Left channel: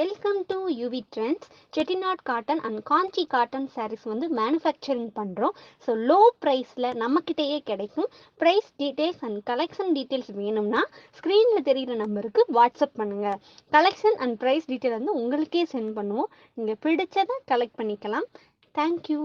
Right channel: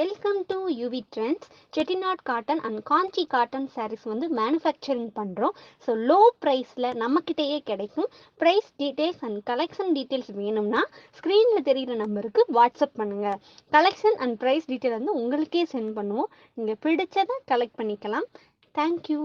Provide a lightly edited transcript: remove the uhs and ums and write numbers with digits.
Welcome to UV Trendz. Chettinad Cotten and Kanchi Cotton sarees வந்து manufacturing பண்ணுறோம். So low ப்ரைஸில் நம்மக்கிட்டேயே கிடைக்கும். Price details and collection details வேணும்னா ஸ்க்ரீனில் தெரிகிற நம்பருக்கு வாட்ஸ்அப் பண்ணுங்கள். கலெக்ஷன் அண்ட் ப்ரைஸ் டீட்டெயில் வந்து உங்களுக்கே சென்ட் பண்ணுவோம். நீங்கள் பிடிச்சதை கலெக்ட் பண்ணிக்கலாம். தேங்க்யூ.